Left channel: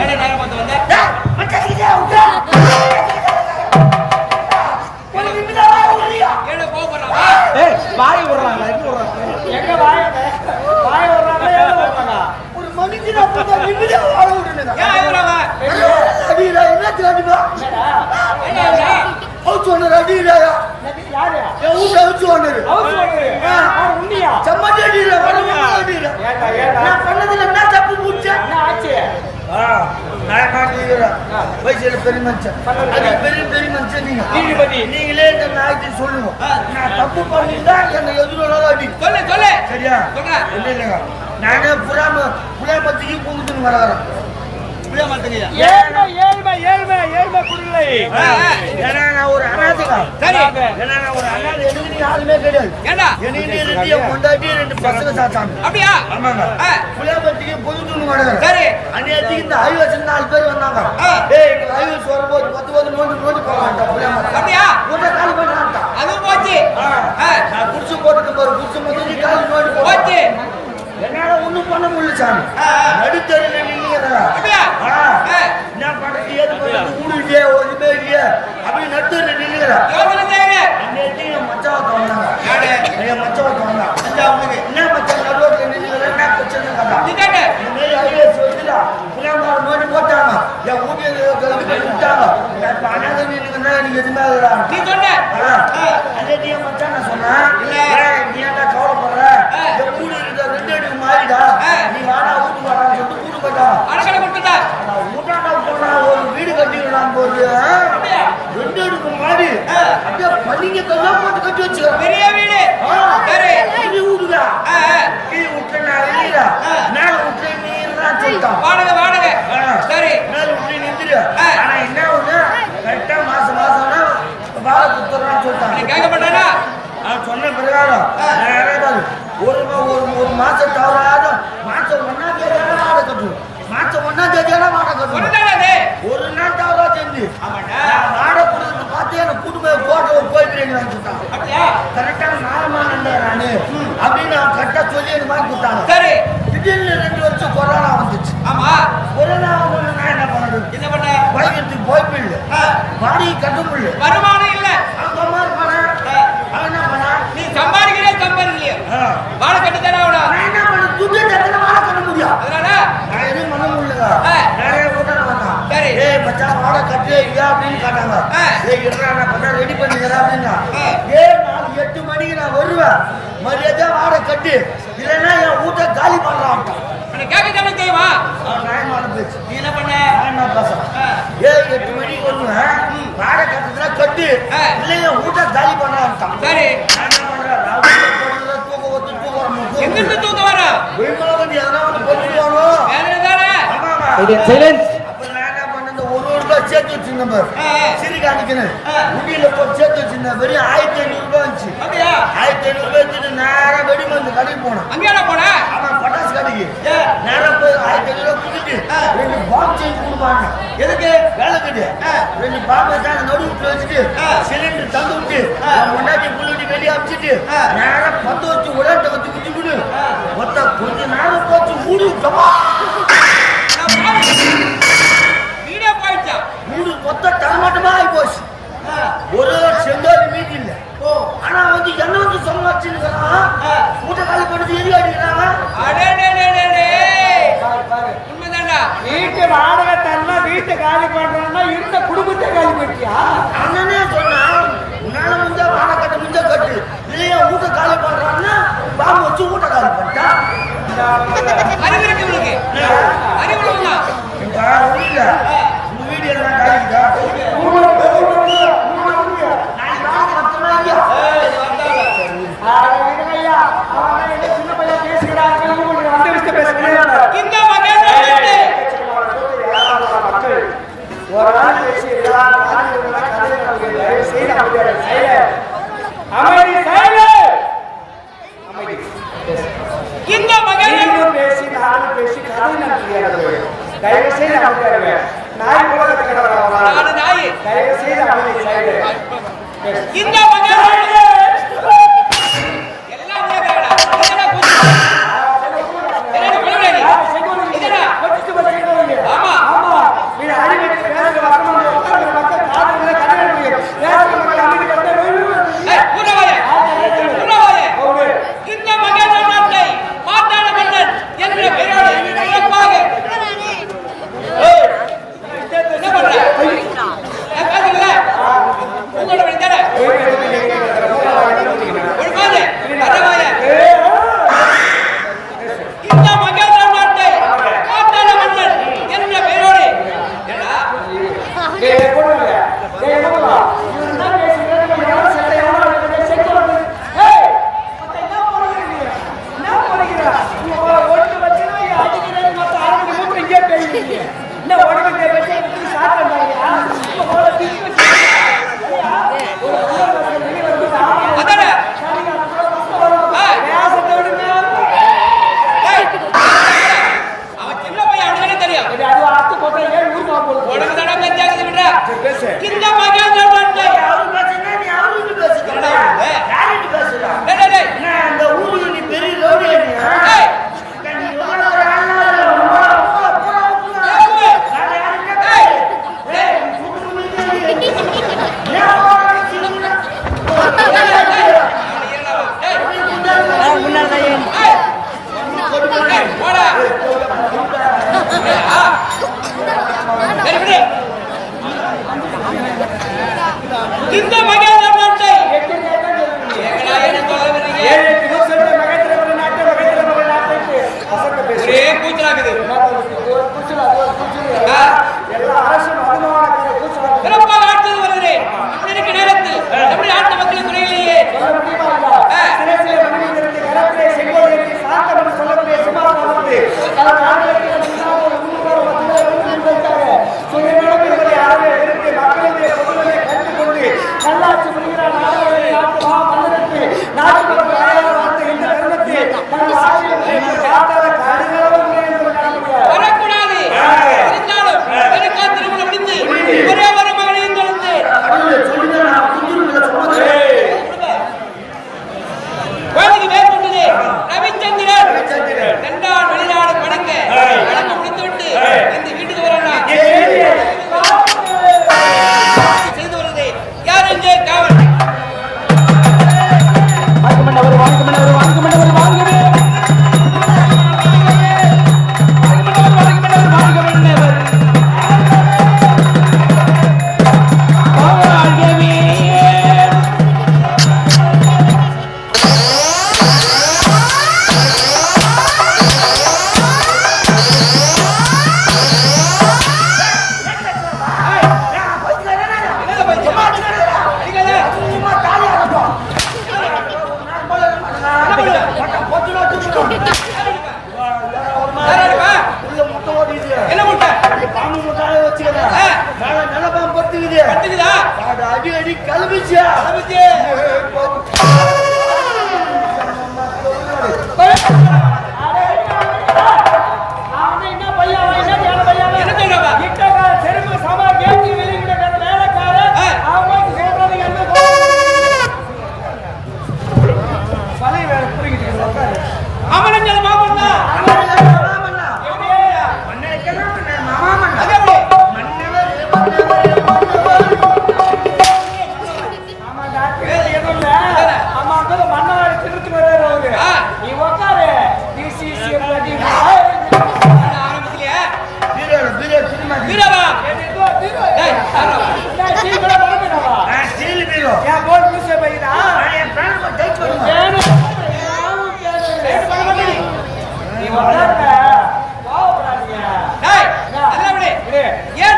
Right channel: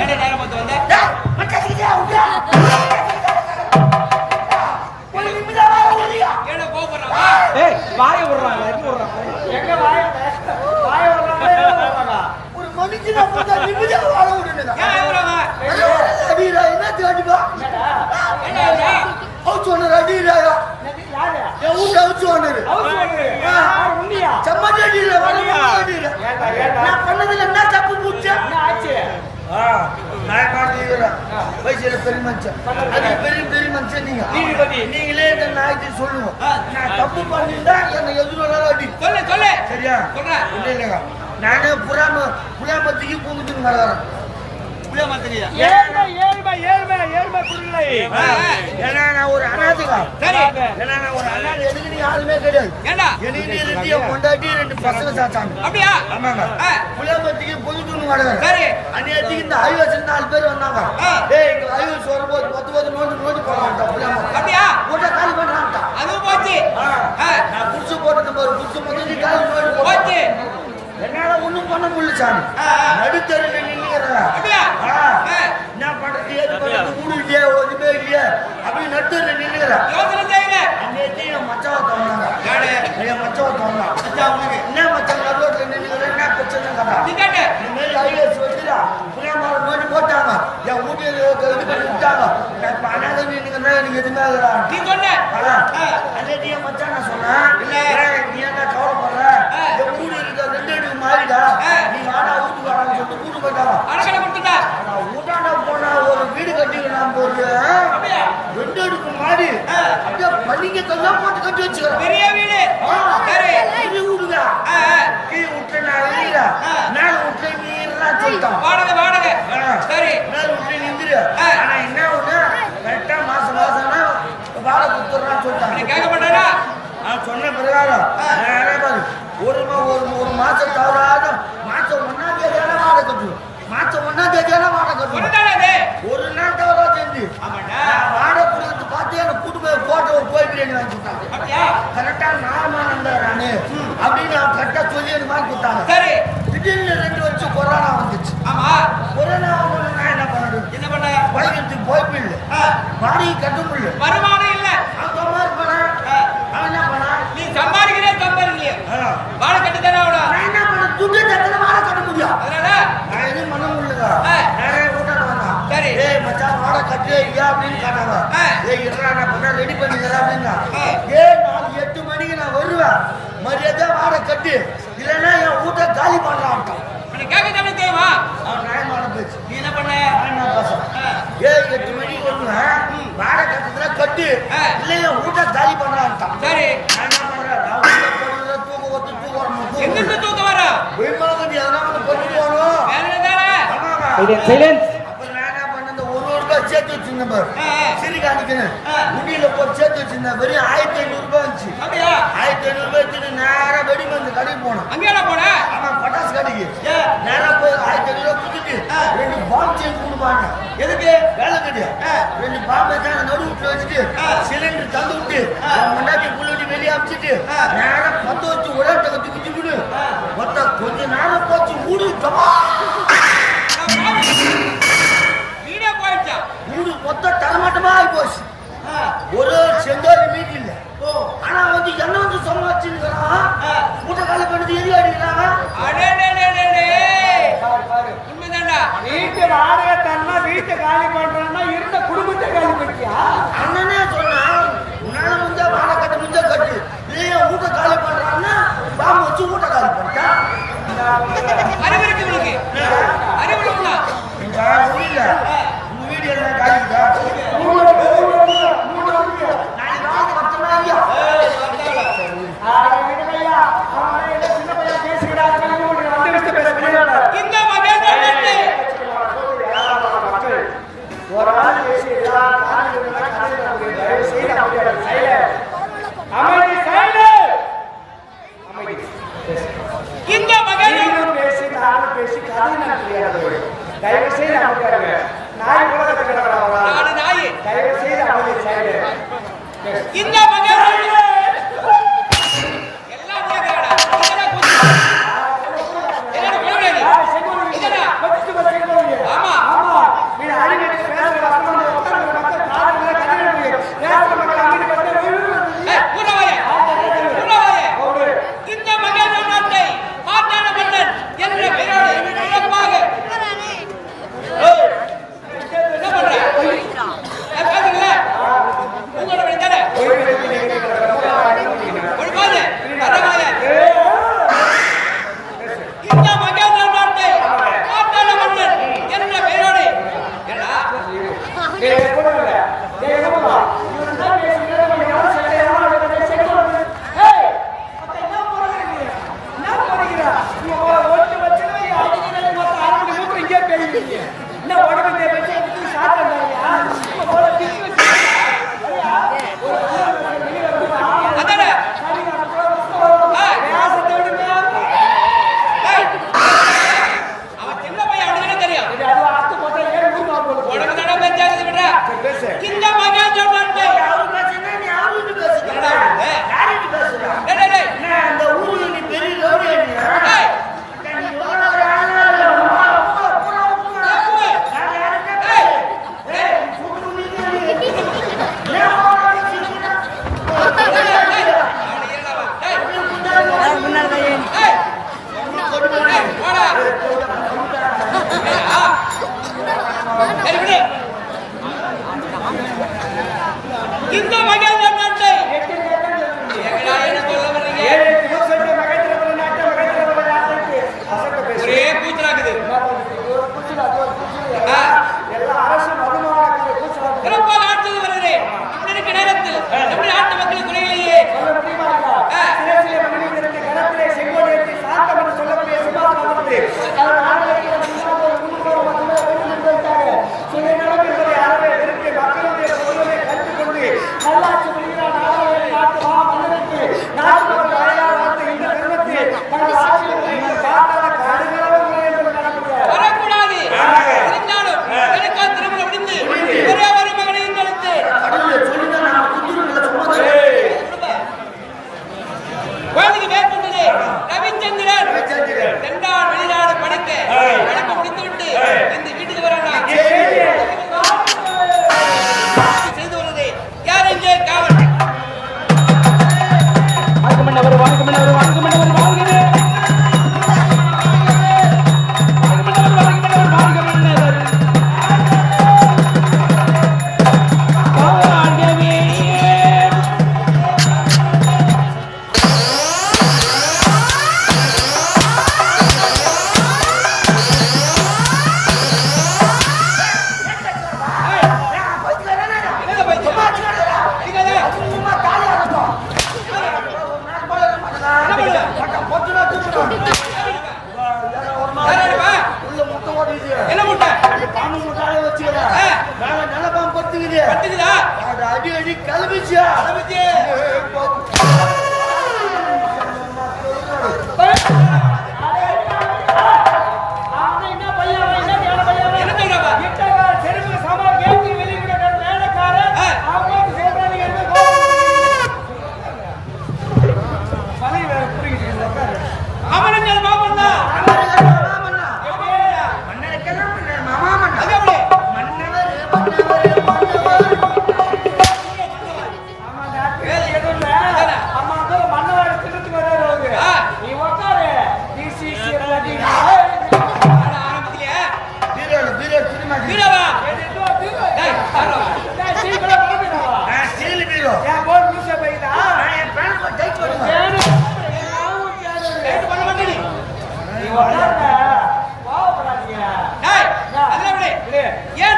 என்ன நேரம் பார்த்து வந்த என்ன கோபப்படுறாங்க? வாய விடுறாங்க எங்க விடுறாங்க? எங்க வாய விடுறாங்க? ஒரு மனுஷனா போட்டா நிம்மதியா வாழ விடுங்க. ஏன் இவரவ அடிடா என்ன தேடிடா? என்ன ஹவுஸ் ஓனர் அடிடா. யாரு? என் ஊர்ல ஹவுஸ் ஓனர். யார் உன்னியா? சம்மந்தி அடிடா வரமா அடிடா. ஏண்டா நான் பண்ணதுல என்ன தப்பு புடிச்ச? என்ன ஆச்சு? நான் மாட்டீங்கடா. வயசுல பெரிய மனுஷன். அது பெரிய மனுஷன் நீங்க. நீங்களே இந்த நாய்க்கு சொல்லுங்க. நான் தப்பு பண்ணிட்டா என்ன எதுனால அடி. சொல்லு. சரியா? சொல்றேன். இல்ல. நானே புறாமத்துக்கு பூமித்துன்னு வரறேன். புளியமரத்துக்குயா? ஏழ்மை குடிலை. ஏன்னா நான் ஒரு அனாதைங்க. சரி. ஏன்னா நான் ஒரு அனாதை. எனக்கு நீ யாருமே கிடையாது. ஏண்டா? எனக்கு ரெண்டு கொண்டாட்டி 2 பசங்க சாத்தாங்க. அப்படியா? ஆமாங்க. புளியமரத்துக்கு பொதுத்துன்னு வரறேன். சரி. அன்னைக்கு இந்த ஹைவேஸ்ல 4 பேர் வந்தாங்க. டேய் இந்த ஹைவேஸ் வரும்போது 10 நோண்டி போறாங்க புளியமரம். அப்படியா? ஊட்ட காலி பண்றாங்க. அதுவும் போச்சு. நான் புடிச்சு போட்டுட்டு பாரு. புடிச்சு மட்டும் காலி நோண்டி போச்சு. என்னால ஒண்ணும் பண்ண முடியல சாமி. நடுத்தருல நின்னுங்கறா. அப்படியா? என்ன பண்றது ஏது பண்றது ஊரு இல்லையே ஒண்ணுமே இல்லையே அப்படி நடுத்தருல நின்னுங்கறா. யோசனை செய்யுங்க. அன்னைக்கு என் மச்சான் வந்தாங்க. யாரு? என் மச்சான் வந்தாங்க. மச்சான் உங்களுக்கு என்ன மச்சான் நடுவுல நின்னுங்கறா என்ன பிரச்சனை கதா? நீ கேட்ட. இந்த மாதிரி ஐஏஎஸ் வந்துடா. புரியமாற நோண்டி போட்டாங்க. என் ஊட்டியில இது பண்ணி விட்டாங்க. நான் பண்ணாத நின்னுங்கறா எனக்கு எதுமே இல்லடா. நீ சொன்ன. அன்னைக்கு என் மச்சான் நான் சொன்னேன். நீ என்ன கவலைப்படுற? என் ஊரு இருக்க 2 அடிக்கு மாறிடா. நீ வாடா வீட்டுக்கு வாடான்னு சொல்லிட்டு கூட்டு போயிட்டாங்க. அடக்கலை கொடுத்துட்டா. ஊட்டாண்டா போனா ஒரு வீடு கட்டிடலாம் போது 2 அடிக்கு மாறி அப்படியே பள்ளிங்க கல்யாணம் போட்டு கட்டி வச்சுக்கிறேன். பெரிய வீடு. சரி. பெரிய வீடுதா. கீ விட்டு நான் இல்லையா மேல விட்டு நீர்னா சொல்லிட்டான். வாடகை. சரி. மேல விட்டு நின்றுடு. ஆனா என்ன ஒண்ணு கரெக்டா மாசம் வாடகை கொடுத்துறான்னு சொல்லிட்டான். கேட்க மாட்டானா? அவன் சொன்ன பிரகாரம் ஒரு மாசம் தவறாத மாசம் 1ஆம் தேதியான வாடகை கட்டுவோம். மாசம் 1ஆம் தேதியான வாடகை கட்டுவோம். ஒரு நாள் தவறா செஞ்சு வாடகை கொடுத்து பார்த்து எனக்கு கூட்டு போய் ஒரு கோயில் பிரியாணி வாங்கி கொடுத்தாங்க. கரெக்டா 4 மாதம் நானு அப்படின்னு அவன் கரெக்டா சொல்லி எனக்கு வாங்கி கொடுத்தாங்க. சரி. திடீர்னு 2 வருஷம் கொரோனா வந்துச்சு. ஆமா. கொரோனா வந்து நான் என்ன பண்ண பைக்கிறதுக்கு போய் போயிடல. வாடகை கட்ட முடியல. வருமானம் இல்ல. அவங்க அம்மா இருப்பானா அவன் என்ன பண்ணா? நீ சம்பாதிக்கலையே வாடகை கட்டு தானே ஆகணும். நான் என்ன பண்ண துட்டு தட்டல வாடகை கட்ட முடியும். அதனால நான் எதுவும் பண்ண முடியலங்க. நிறைய கூட்டாங்க வந்தான். சரி. ஏய் மச்சான் வாடகை கட்டுறியா அப்படின்னு கேட்டாங்க. ஏய் இருடா நான் பார்த்தா ரெடி பண்ணிக்கிறேன் அப்படின்னா. 8 மணிக்கு நான் வருவேன். மரியாதை வாடகை கட்டு இல்லைன்னா என் வீட்டை காலி பண்ணலாம். கேட்க தானே தெரியுமா? அவன் நியாயமான பேச்சு. நீ என்ன பண்ண? நான் பேசுறேன். 8 மணிக்கு வருவேன். வாடகை கட்டுறதுனா கட்டு இல்லைன்னா வீட்டை காலி பண்ணலாம். சரி. நான் என்ன பண்றேன்? எங்கிருந்து தூக்கம் வர? சேர்த்து வச்சிருந்தேன் பாரு. சிரி காணிக்கணும் முடியல போட்டு சேர்த்து வச்சிருந்தேன். வெறும் 1500 ரூபாய் வந்துச்சு. 1500 ரூபாய் எடுத்துட்டு நேரா வெடிமருந்து கடைக்கு போனேன். அங்கேயா போன? ஆமா பட்டாசு கடைக்கு. நேரா போய் 1500 ரூபாய் கொடுத்துட்டு 2 பாம்பு செஞ்சு கொடுப்பாங்க. எதுக்கு? வேலை கட்டு 2 பாம்பை தான் நடுவுட்டு வச்சுட்டு சிலிண்டர் தந்து விட்டு முன்னாடி புள்ளிட்டு வெளியே அமிச்சிட்டு நேரா 10 வச்சு உடனே வச்சு குச்சி விடு. மொத்த கொஞ்ச நேரம் போச்சு ஊடு கமா மூடு மொத்தம் தரமாட்டமா ஆகி போச்சு. ஒரு செங்கோல் மீட் இல்ல. ஆனா வந்து என்ன வந்து சமாளிச்சுக்கிறான். மூட்டை காலி பண்ணி எரி அடிக்கிறாங்க. உண்மைதான்டா. வீட்டு வாடகை தரணும் வீட்டை காலி பண்றான்னா இருந்த குடும்பத்தை காலி பண்ணிட்டியா? அண்ணனே சொன்னா உன்னால முடிஞ்ச வாடகை கட்ட முடிஞ்ச கட்டு இல்லையா வீட்டை காலி பண்றான்னா பாம்பு வச்சு வீட்டை காலி பண்ணிட்டா. அறிவு இருக்கு இவனுக்கு. அறிவுல வந்தா ஒண்ணு இல்ல. வீடியோ எல்லாம் காலிக்குதா? சின்ன பையன் பேசுகிறார். மக்கள் ஒரு ஆள் பேசி அமைதி இந்த மகன் பேசி நானும் பேசி கதை நடத்துகிறார்கள். தயவு செய்து அமைதியாருங்க. நாய் கூட கத்துக்கிறாங்க. நாய் தயவு செய்து அமைதி சைடு. இந்த மகன் எல்லாம் என்ன உடம்பு பற்றி சாப்பிட்டு வந்தாங்கயா இப்ப போல அதானே அவன் சின்ன பையன் அவனுக்கு தெரியும் உடம்பு தடவை பெஞ்சாகுது விடுறா இந்த மகன் சொல்றான்டே அந்த ஊருக்கு நீ பெரிய லோடி இந்த மகன் எங்கடா என்ன சொல்ல வரீங்க ஒரே கூச்சலாக்குது சிறப்பாக ஆட்சி வருகிறே இப்படி இருக்க நேரத்தில் நம்முடைய நாட்டு மக்களுக்கு குறையிலேயே நல்லாட்சி புரிகிறார் நாடாளுமன்ற நாட்டு மன்னருக்கு நாட்டு மக்கள் வாயால் வார்த்தை இந்த தருணத்தில் தங்கள் ஆட்சியில் பார்த்தால வரக்கூடாது இருந்தாலும் எனக்கா திருமணம் முடிந்து ஒரே ஒரு மகனையும் தொலைந்து குழந்தைக்கு பேர் சொன்னது ரவிச்சந்திரன் இரண்டாம் வெளிநாடு படிக்க முடித்துவிட்டு இந்த வீட்டுக்கு வரலாம் செய்து வருது யார் எங்கே காவல் என்ன முட்டை பாம்பு முட்டாய வச்சுக்கிறேன் நல்ல பாம்பு பத்துக்குது பத்துக்குதா அடி அடி கிளம்பிச்சு செருப்பு சமா கேட்டு வெளியிட வேலைக்காரன் பழைய வேற புரியுது அமரஞ்சல் மாமன்னா மன்னவாடி திருத்து வர்றாரு அவரு நீ உட்காரு ஆரம்பத்திலேயே நீ உட்காருங்க பாவப்படாதீங்க ஏன்